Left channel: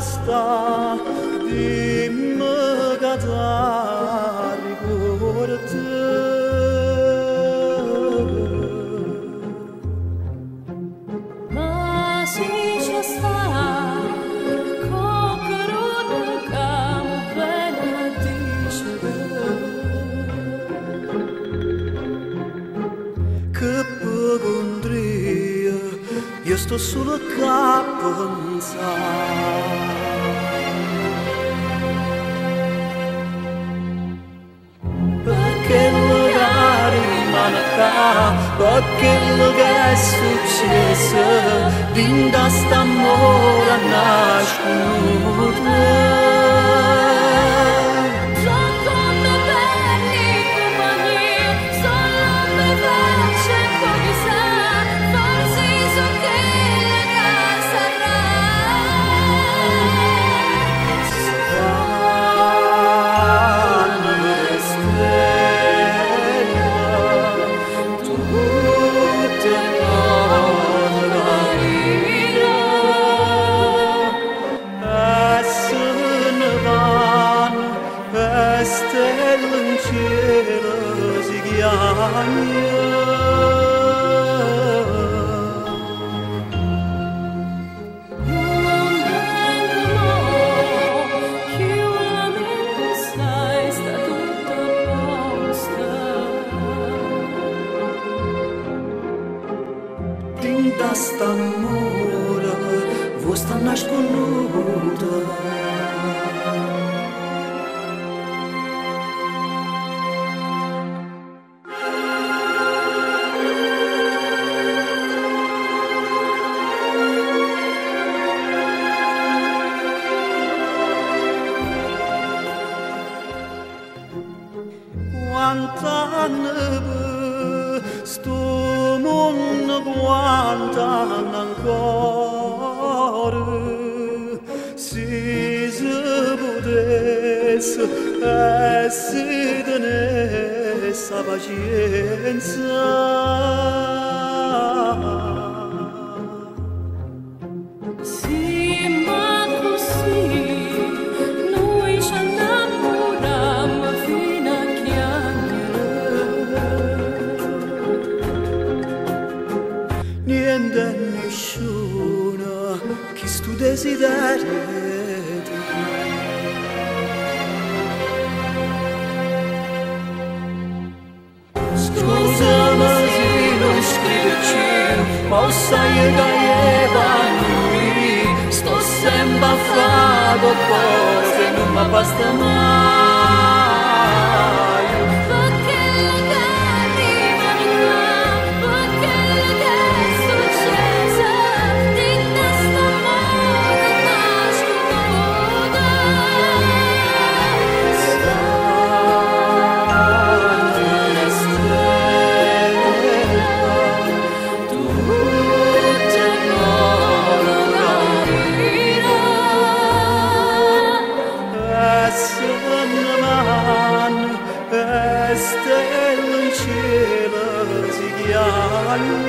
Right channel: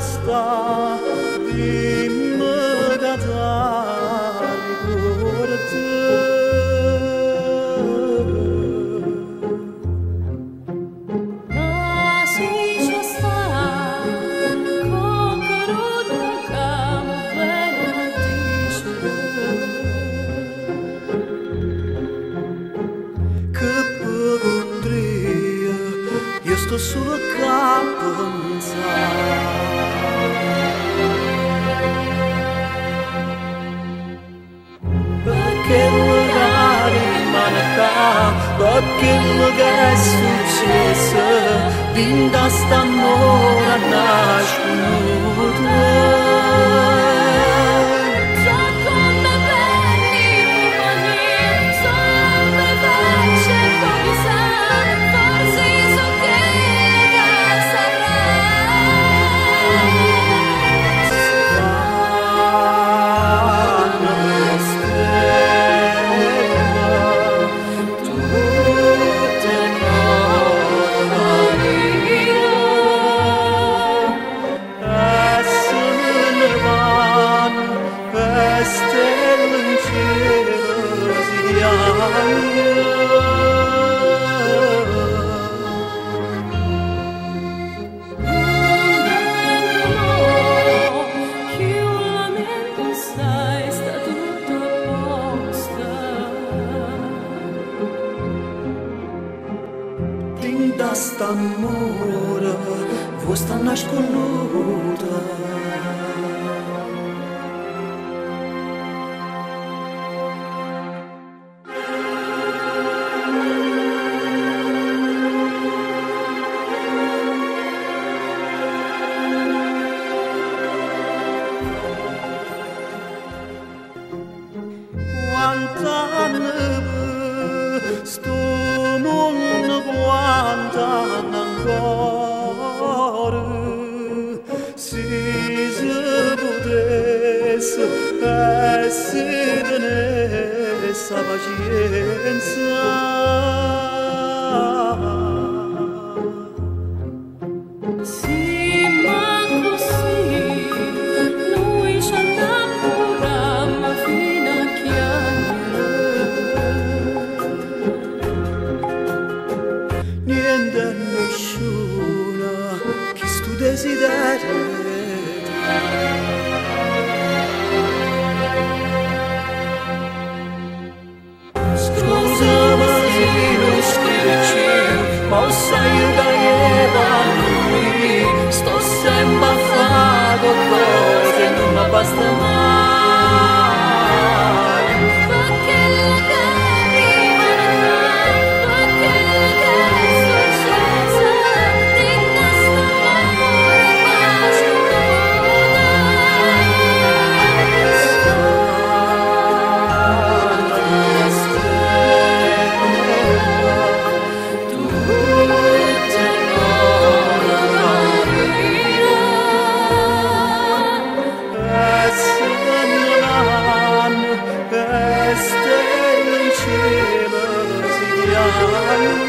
sta di magazari porte ma si ci sta coccruda camo bene dicere che pagondria io sto solo a pensare perché magari rimane qua perché che è successo dinda st'amore nasconuta stelle in cielo si chiama non vengo mo che un lamento sai sta tutto a posto dinda st'amore vuoi sta nasconuta quanta neve sto mondo quanta ancora se si potesse si tenesse pazienza sì ma così noi ci innamoriamo fino a niente e nessuno che stu desiderio scusami se non scrivi più ma sai che va lui sto sempre a fare qualcosa e non mi basta mai perché che rimane qua perché che è successo dinda st'amore nasconuta stanno le stelle tutte loro carina e se ne vanno e stelle in cielo si chiamano